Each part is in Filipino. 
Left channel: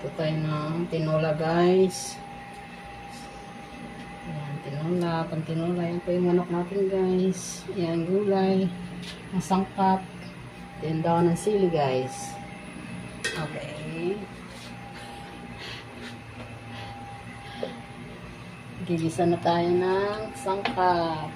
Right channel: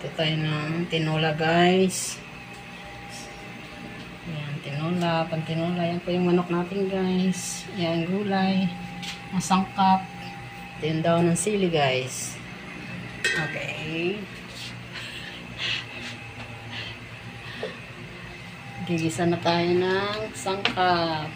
Luto tayo ng tinola, guys. Yan, tinola, pantinola. Yan po yung manok natin, guys. Yan, gulay. Masangkap. Ito yung daon ng sili, guys. Okay. Gigisa na tayo ng sangkap.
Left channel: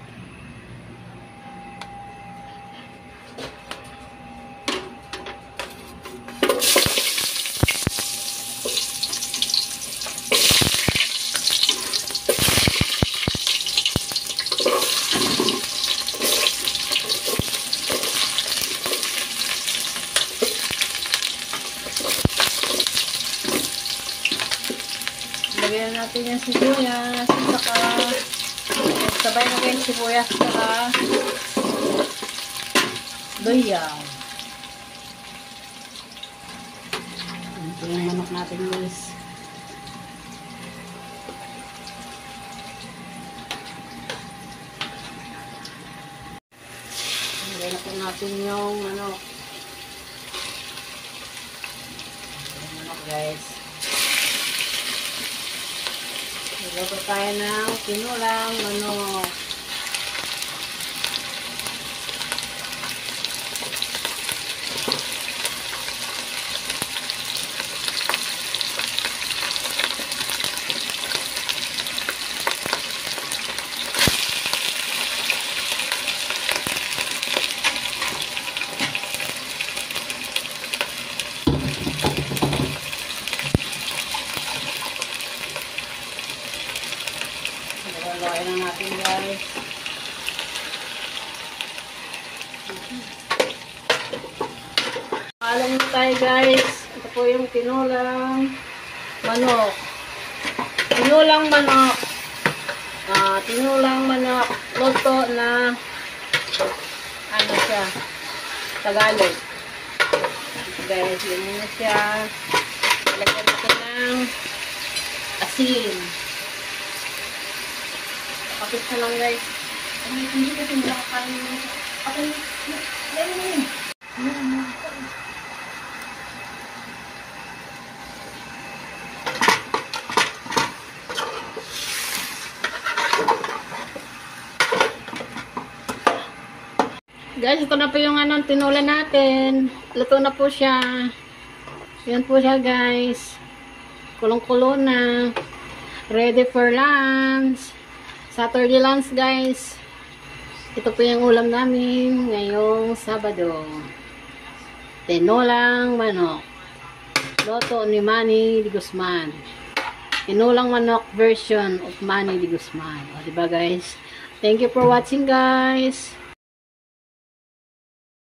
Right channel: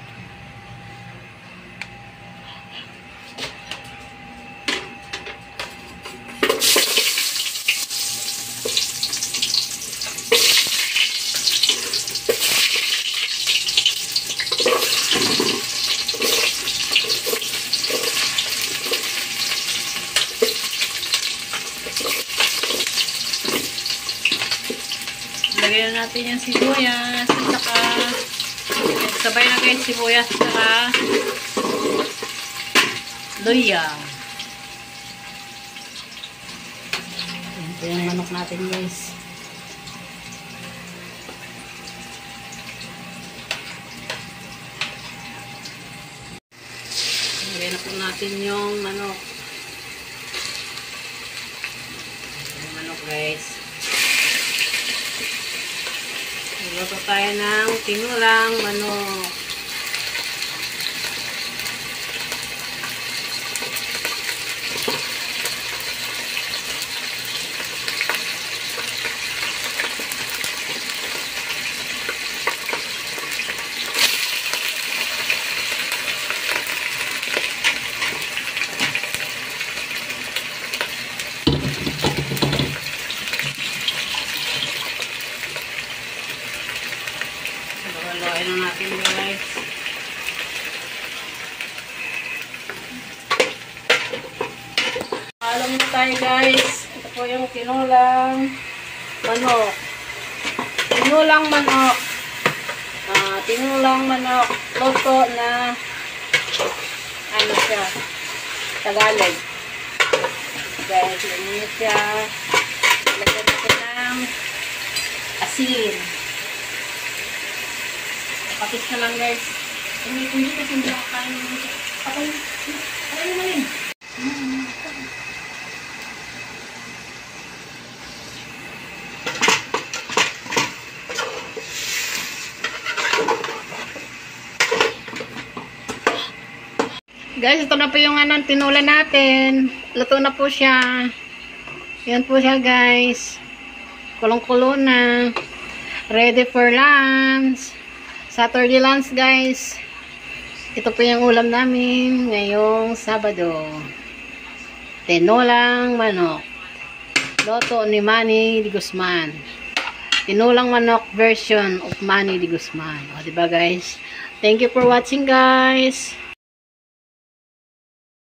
Lagyan natin yung sibuyas at saka sabay na guys sibuyas at saka luya. Ito yung manok natin, guys. Lagyan na po natin yung manok. Yung manok, guys. Luto tayo ng tinulang manok. Haluin lang natin, guys. Halo muna tayo, guys. Ito po yung tinulang manok. Tinulang manok. Tinulang manok. Luto na ano siya? Tagalog. Guys, ganyan siya. Lagyan natin ng asin. Kapit na lang, guys. Hindi kasi nakakain nito. Alay mo rin. Guys, ito na po yung tinula natin. Luto na po siya. Yan po siya, guys. Kulong-kulo na. Ready for lunch. Saturday lunch, guys. Ito po yung ulam namin ngayong Sabado. Tinolang manok. Luto ni Manny de Guzman. Tinolang manok version of Manny de Guzman. O, diba, guys? Thank you for watching, guys.